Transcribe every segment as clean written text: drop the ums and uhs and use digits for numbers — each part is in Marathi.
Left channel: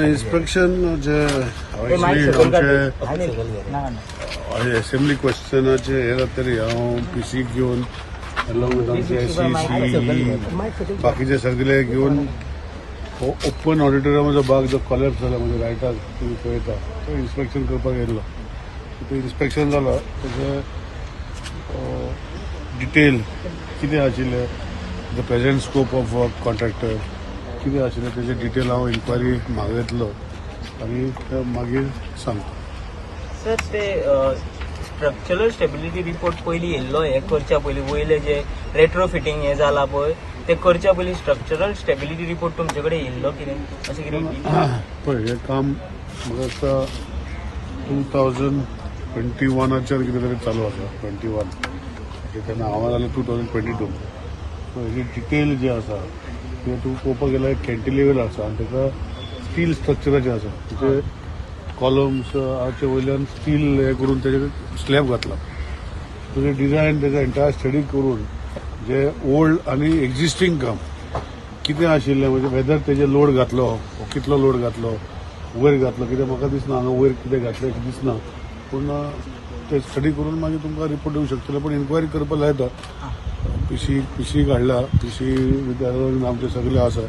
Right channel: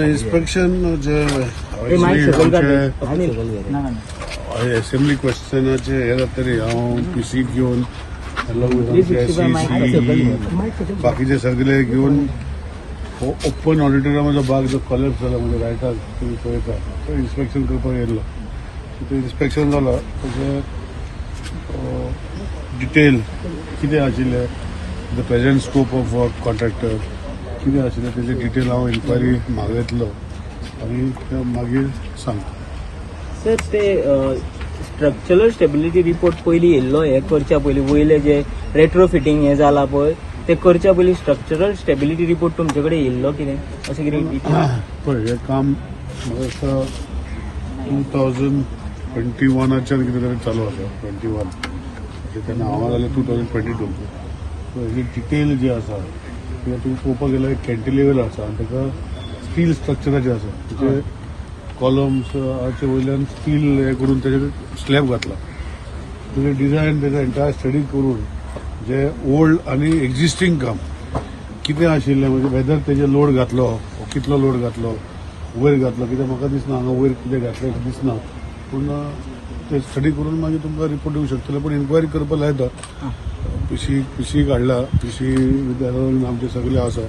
इन्स्पेक्शन जे एक्चुअली आमचे असेंब्ली क्वेश्चनाचे हे जातरी हांव पीसी घेवन अलॉंग विथ आमचे एसई सीई बाकीचे सगळे घेवन ओपन ऑडिटोरियमाचो भाग जो कॉलेप्स जाला म्हणजे रायटाक तुम्ही पळयता तो इन्स्पेक्शन करपाक येयल्लो तो इन्स्पेक्शन जालो तेजे डिटेल कितें आशिल्लें the present scope of work contractor कितें आशिल्लें तेजे डिटेल हांव इन्क्वायरी मागयतलो आनी ते मागीर सांगता. सर ते स्ट्रक्चरल स्टेबिलिटी रिपोर्ट पयलीं येयल्लो हे करच्या पयलीं वयले जे रेट्रो फिटींग हे जाला पळय ते करच्या पयलीं स्ट्रक्चरल स्टेबिलिटी रिपोर्ट तुमचे कडेन येयल्लो कितें अशें कितें पळय हें काम म्हाका दिसता 2021च्यान कितें तरी चालू आसा 21 तेन्ना हांव जालें 2022 सो हेजी डिटेल जे आसा ते तूं पळोवपाक गेल्यार कॅन्टिलिव्हर आसा आनी ताका स्टील स्ट्रक्चराचें आसा म्हणजे कॉलम्स हाचे वयल्यान स्टील हे करून तेजेर स्लॅब घातला तेजें डिजायन तेजो एंटायर स्टडी करून जे ओल्ड आनी एक्झिस्टींग काम कितें आशिल्लें म्हणजे वेदर तेजे लोड घातलो वो कितलो लोड घातलो वयर घातलो कित्याक म्हाका दिसना हांगा वयर कितें घातलें दिसना पूण ते स्टडी करून मागीर तुमकां रिपोर्ट दिवंक शकतले पूण इन्क्वायरी करपाक लायता पीसी काडला पीसी विद्यार्थी आमचे सगळे आसा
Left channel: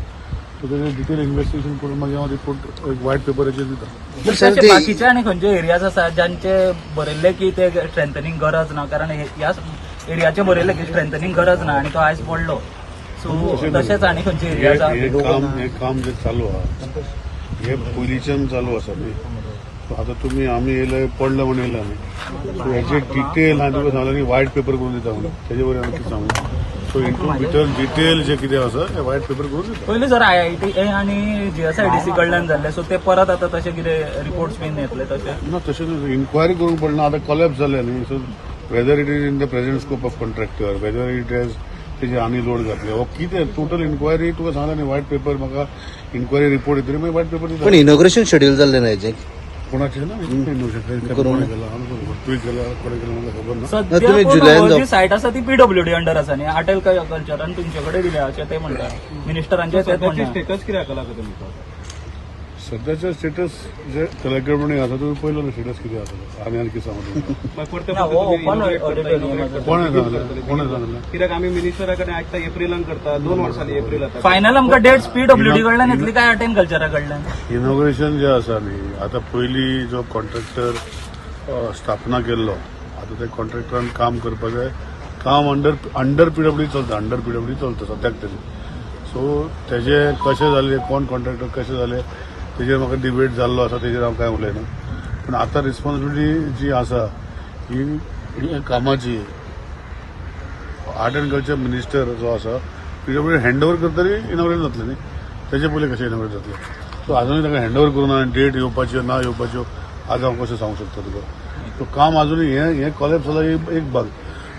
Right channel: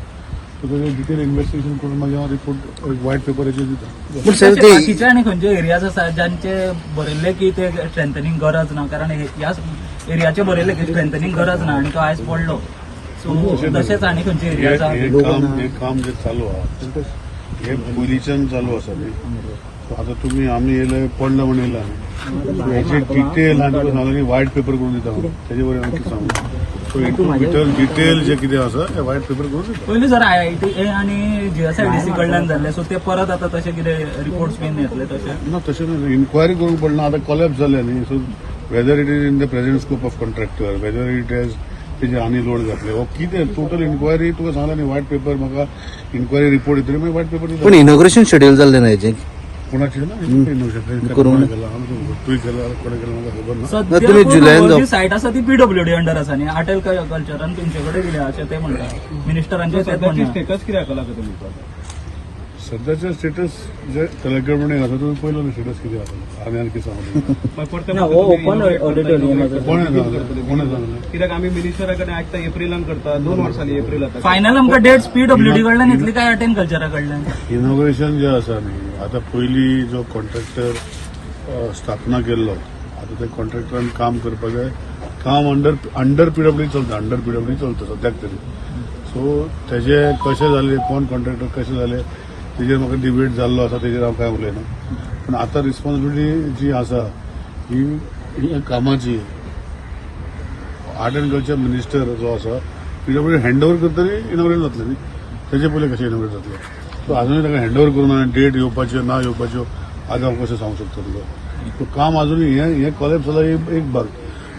सो तेजें डिटेल इन्व्हेस्टिगेशन करून मागीर हांव रिपोर्ट एक व्हायट पेपराचेर दिता. बाकीचे आनी खंयचे एरियाज आसा जांचे बरयल्ले की ते स्ट्रेंथनींग गरज ना कारण ह्या एरियाचे बरयल्ले की स्ट्रेंथनींग गरज ना आनी तो आयज पडलो सो तशेंच आनी खंयचे एरियाज हे काम जे चालू आहा हे पयलींच्यान चालू आसा न्ही आता तुम्ही आम्ही येयले पडलं म्हणून येयला न्ही हेचे डिटेल हांवें तुका सांगलें न्ही व्हायट पेपर करून दिता म्हणून तेजे वयर हांव कितें सांगू सो इंटू भितर डिटेल जे कितें आसा हे व्हायट पेपर करून दिता. पयलीं सर IIT आनी GSIDC कडल्यान जाल्ले सो ते परत आतां तशें कितें रिपोर्ट्स बीन येतले तशें ना तशें न्ही इन्क्वायरी करूंक पडना आतां कॉलेप्स जाले न्ही so whether it is in the present scope of contractor whether it is तेजे आनी लोड घातले हो कितें टोटल इन्क्वायरी तुका सांगला न्ही व्हायट पेपर म्हाका इन्क्वायरी रिपोर्ट येतली मागीर व्हायट पेपर दिता. इनॉग्रेशन शेड्यूल जाल्लें ना हेजें कोणाचे ना कोणे केला तुवें केला कोणे केला म्हाका खबर ना. सध्या जी सायट आसा ती PWD अंडर आसा न्ही आटेल कल्चरान तुमचे कडेन दिल्या अशें ते म्हणटा मिनिस्टरांचे स्टेटस कित्याक केला तुमी सध्याचे स्टेटस जे कलेक्टर म्हणून आसा तुम्ही पयलो न्ही स्टेटस कितें आसा आमी आनी कितें सांगू ओपन ऑडिटोरियम कोणे सांगलें कित्याक आमी मिनिस्टरा कडेन आयकता एप्रिलान करता 2 वर्सांनी एप्रिल फायनल आमकां डेट्स PWD कडल्यान येतली काय आटेल कल्चरा कडल्यान इनॉग्रेशन जे आसा न्ही आतां पयलीं जो कॉन्ट्रॅक्टर स्थापना केल्लो आतां ते कॉन्ट्रॅक्टरान काम करपाक जाय काम अंडर PWD चलता अंडर PWD चलता सद्याक तरी सो तेजे कशें जालें कोण कॉन्ट्रॅक्टर कशें जालें तेजेर म्हाका डिबेट जाल्लो आसा तेजेर हांव कांय उलयना पूण आतां रिस्पॉन्सिबिलिटी जी आसा ही कामाची आर्ट अँड कल्चर मिनिस्टर जो आसा पीडब्ल्यूडी हँडओव्हर करतली इनॉग्रेट जातले न्ही तेजे पयलीं कशें इनॉग्रेट जातले सो अजूनय ताका हँडओव्हर करून डेट येवपाच्यो ना येवपाच्यो आज हांव कशें सांगूंक शकता तुका सो काम अजूनय हें कॉलेज जाला एक भाग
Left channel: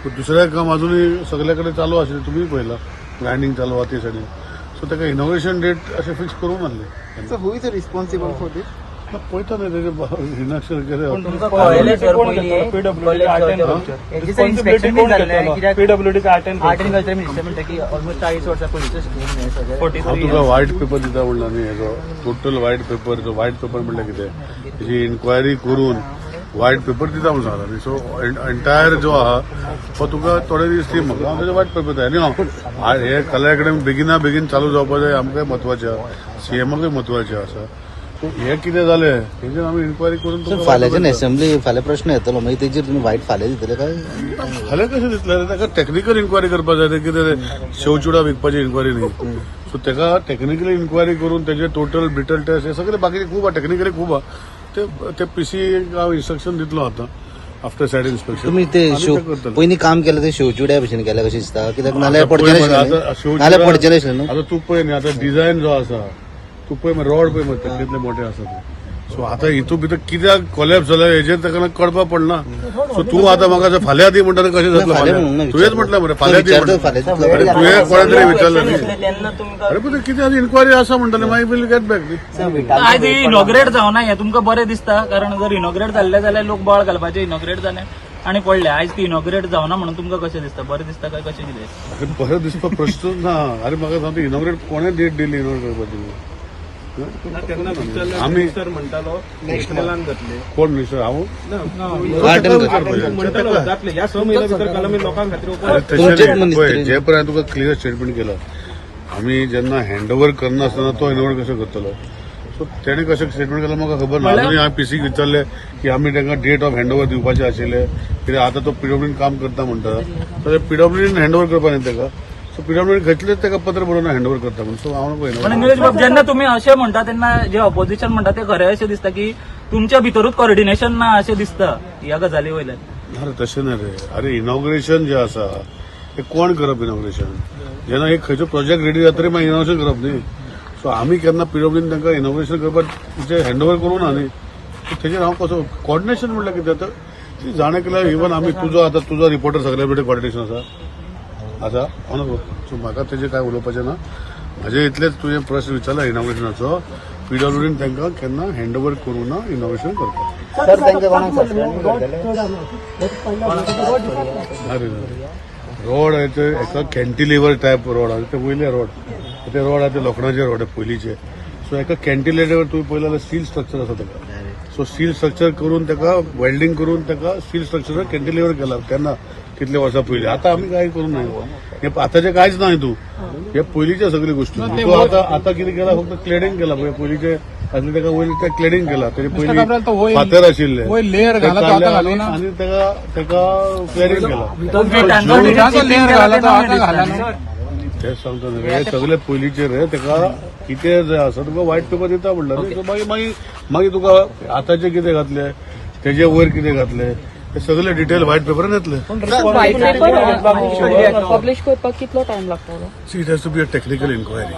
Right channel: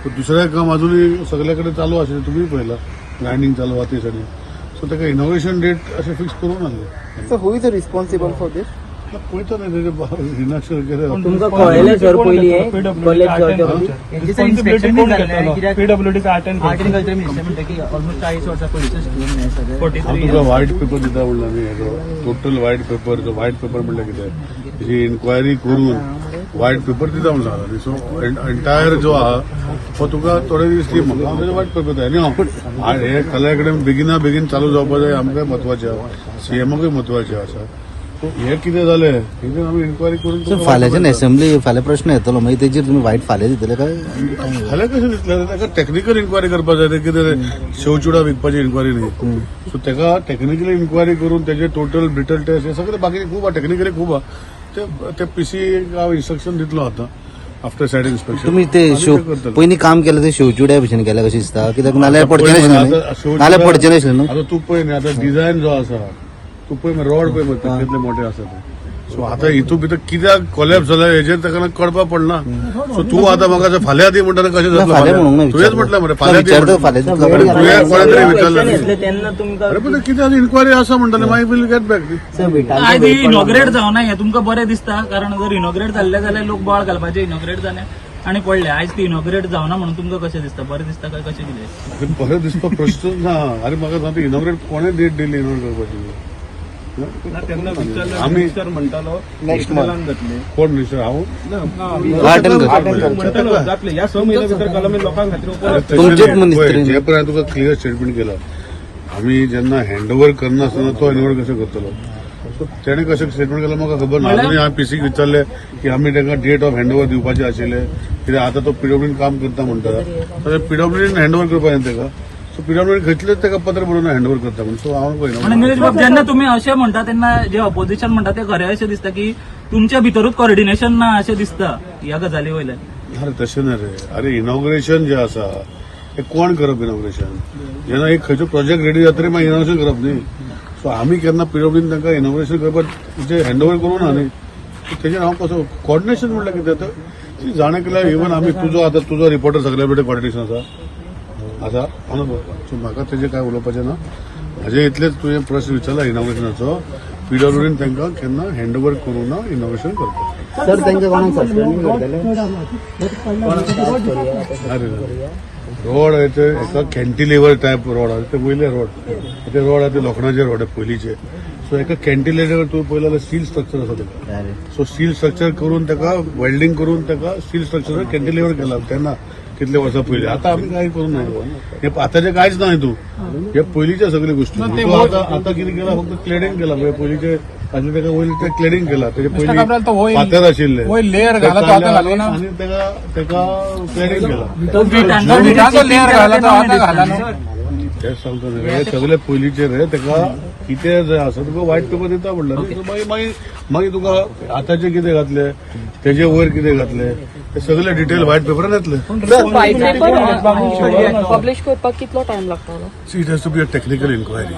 सो दुसरें काम अजूनय सगळे कडेन चालू आशिल्लें तुमी पळयलां ग्रायंडींग चालू आहा ते सायडीन सो ताका इनॉग्रेशन डेट अशें फिक्स करूंक नासलें So who is the responsible for this? पळयता न्ही तेजे इनाक्शन तुमकां कळयलें सर पयलीं college PWD art and art and culture minister म्हणटा की ऑलमोस्ट 40 वर्सां पयलींचो हांव तुका व्हायट पेपर दिता म्हणला न्ही हेजो टोटल व्हायट पेपर जो व्हायट पेपर म्हणल्यार कितें तेजी इन्क्वायरी करून व्हायट पेपर दिता म्हणून सांगला न्ही सो एंटायर जो आहा तो तुका थोडे दीस दी म्हाका हांव तेजो व्हायट पेपर जाय न्ही हांव हे कला अकॅडमी बेगीन चालू जावपा जाय आमकांय म्हत्वाचें आसा सीएमाकूय म्हत्वाचें आसा सो हे कितें जालें हेजेर आमी इन्क्वायरी करून तुका व्हायट पेपर दिता असेंब्ली फाल्यां प्रश्न येतलो मागीर तेजेर तुमी वायट फाल्यां दितले काय फाल्यां कशें दिसलें ताका टॅक्निकल इन्क्वायरी करपाक जाय ते कितें शेवचुडा विकपाची इन्क्वायरी न्ही सो ताका टॅक्निकली इन्क्वायरी करून तेजे टोटल ब्रिटल टेस्ट हे सगळे बाकी खूब आहा टॅक्निकली खूब आहा ते पीसी हांव इन्स्ट्रक्शन दितलो आतां आफ्टर सायड इन्स्पेक्शन तुम्ही ते आनी ते करतले पयलीं काम केलं ते शिवचुड्या भशेन केलें कशें दिसता कित्याक नाल्यार आतां पळय मरे आतां नाल्यार शेवचुडा पडचें नाशिल्लें न्हू? आतां तूं पळय न्ही आतां डिझायन जो आसा तूं पळय मरे रॉड पळय मरे कितले मोठे आसा ते सो आतां हितून भितर कित्याक कॉलेप्स जाला हेजेर ताका कळपाक पडना सो तूं आतां म्हाका फाल्यां दी म्हणटा कशें जातलें फाल्यां तुवेंच म्हटलें मरे फाल्यां दी म्हणटा अरे तुवें कोणा तरी विचारलें न्ही तेन्ना तुमकां अरे पण कितें आनी इन्क्वायरी आसा म्हणटाले मागीर विल गेट बॅक दी आज इनॉग्रेट जावना हें तुमकां बरें दिसता कारण जर इनॉग्रेट जाल्लें जाल्यार लोक बॉल घालपाचे इनॉग्रेट जालें आनी पडले आयज ती इनॉग्रेट जावना म्हणून तुमकां कशें दिसता बरें दिसता काय कशें कितें बरें दिसता प्रश्न ना अरे म्हाका सांगता इनॉग्रेट कोणें डेट दिली इनॉग्रेट करपाची आमी म्हणटालो नेक्स्ट मंथ कोण मिनिस्टर हांव ताका विचारपाचें ताका ह्या स म्हयन्या भितर कलामी लोकांक खातीर अरे तशें न्ही पळय जे पर्यंत तुका क्लियर स्टेटमेंट केला आमी जेन्ना हँडओव्हर करना आसतना तो हँडओव्हर कसो करतलो सो तेणे कशें स्टेटमेंट केला म्हाका खबर ना अजूनय हांवें पीसीक विचारलें की आमी तांकां डेट ऑफ हँडओव्हर दिवपाचें आशिल्लें कित्याक आतां तो पीडब्ल्यूडीन काम करता म्हणटा सो पीडब्ल्यूडीन हँडओव्हर करपा न्ही ताका सो पीडब्ल्यूडी खंयतलेच ताका पत्र बरोवन हँडओव्हर करता म्हणून सो हांव आनी पळयना निलेश बाब जेन्ना तुमी अशें म्हणटा तेन्ना जे ऑपोजिशन म्हणटा ते खरें अशें दिसता की तुमच्या भितरूच कॉर्डिनेशन ना अशें दिसता ह्या गजाली वयल्यान अरे तशें ना रे अरे इनॉग्रेशन जें आसा हें कोण करप इनॉग्रेशन जेन्ना एक खंयचो प्रोजेक्ट रेडी जातरी मागीर इनॉग्रेशन करप न्ही सो आमी केन्ना पीडब्ल्यूडीन तांकां इनॉग्रेशन करपाक म्हणजे हँडओव्हर करूं ना न्ही सो तेजेर हांव कसो कॉर्डिनेशन म्हणल्यार कितें जाता जाणा केल्यार इवन आमी तुजो रिपोर्टर सगळे कडेन कॉर्डिनेशन आसा हांव सो म्हाका तेजें कांय उलोवपाचें ना म्हाजें इतलेंच तुवें प्रश्न विचारला इनॉग्रेशनाचो पीडब्ल्यूडीन तांकां केन्ना हँडओव्हर करूं ना इनॉग्रेशन करपाक सर तांकां कोणाक सस्पेंड अरे रोड आहे ते एका कॅन्टिलिव्हर टायप रोड आहे ते वयले रोड ते रोड आहे ते लोखंडाचे रोड आहे पयलींचे सो एका कॅन्टिलिव्हर तुम्ही पळयलें स्टील स्ट्रक्चर आसा ताका सो स्टील स्ट्रक्चर करून ताका वेल्डिंग करून ताका स्टील स्ट्रक्चर कॅन्टिलिव्हर केला तेन्ना कितले वर्सां पयलीं आतां आमी कांय करूं ना हे आतांचें कांयच ना तूं हे पयलींच्या सगळ्यो गोश्टी तूं आतां कितें केला फक्त क्लेडिंग केला म्हणजे पयलींचे आसले ताका वयले ते क्लेडिंग केला तेजे पयलीं फातर आशिल्ले ते काडले आनी ताका क्लेडिंग केला तेच सांगता न्ही हे सगळे पयलींचे रे ताका कितें जाय आसा तुका व्हायट पेपर दिता म्हणला न्ही सो मागीर तुका आतांचे कितें घातले तेजे वयर कितें घातले ते सगळे डिटेल व्हायट पेपरान येतले पब्लिश करपाक कितलो टायम लागता see it has to be a technical inquiry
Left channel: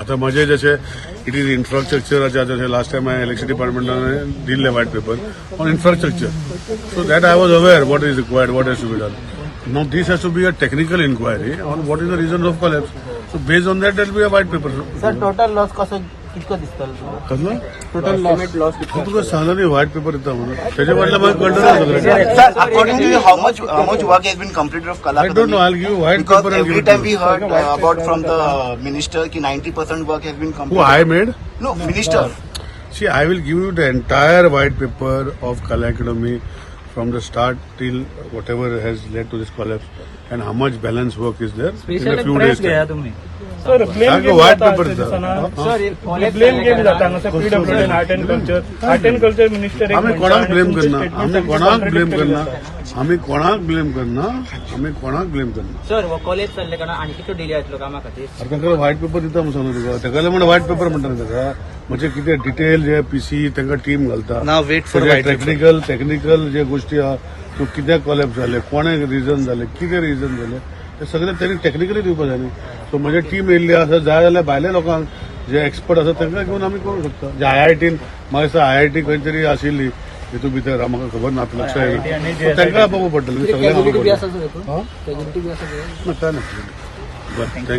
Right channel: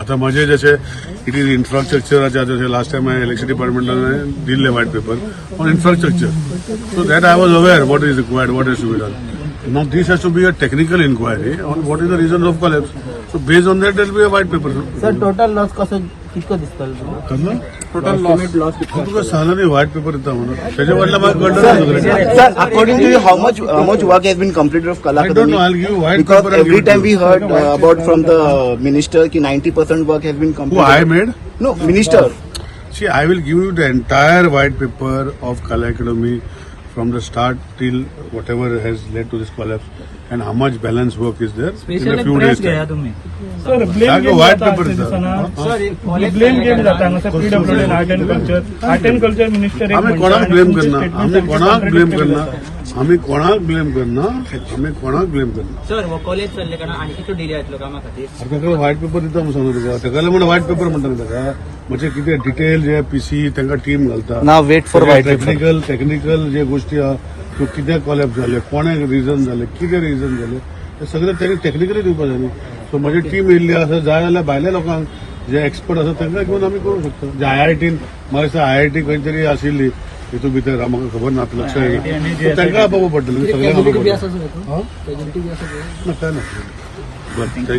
आता माझे जसे इट इज इन्फ्रास्ट्रक्चराच्या जसे लास्ट टाइम इलेक्शन डिपार्टमेंटाने दिले white paper on infrastructure so that I was aware what is required what has to be done now this has to be a technical inquiry on what is the reason of collapse so based on that there be a white paper sir total loss कसं कितको दिसतलो कसला एस्टिमेट लॉस तुका सांगला न्ही व्हाईट पेपर येता म्हणून त्याच्या वाटलं म्हाका कळना ना सगळें Sir, according to you, how much work has been completed of Kala I don't know I give white Because paper every time we heard about from the minister कि 90% work has been who completed. I made No, minister. See, I will give you the entire white paper of Kala Academy from the start till whatever has led to this collapse and how much balance work is there in a few days घ्या time. तुम्ही sir Like a white paper, sir. Blame game जाता हांगा sir PWD art and culture minister आम्ही कोणाक ब्लेम करना आम्ही कोणाक ब्लेम करना आम्ही कोणाक ब्लेम करना आम्ही कोणाक ब्लेम करना सर हो कॉलेज चल्ले कारण आनी कितलो डिले जातलो कामा खातीर अरे ताका व्हाईट पेपर दिता म्हणून सांगता तुका ताका म्हणून व्हाईट पेपर म्हणटा न्ही ताका म्हणजे कितें डिटेल जे पीसी तांकां टीम घालता Now wait for सगळे white paper. टेक्निकल जे गोष्टी आहा त्यो कित्याक कॉलेप्स जाले कोणाक रिझन जाले कितें रिझन जाले ते सगळें त्यांनी टॅक्निकली दिवपाक जाय न्ही सो म्हजी टीम येयल्ली आसा जाय जाल्यार भायल्या लोकांक जे एक्सपर्ट आसा तांकां घेवन आमी करूं शकता जे IITन म्हाका दिसता IIT खंय तरी आशिल्ली हितून भितर म्हाका खबर ना लक्ष येना सो तांकां आपोवपाक पडटलें सगळ्यांक आपोवपाक पडटलें ना काय ना बरें थँक्यू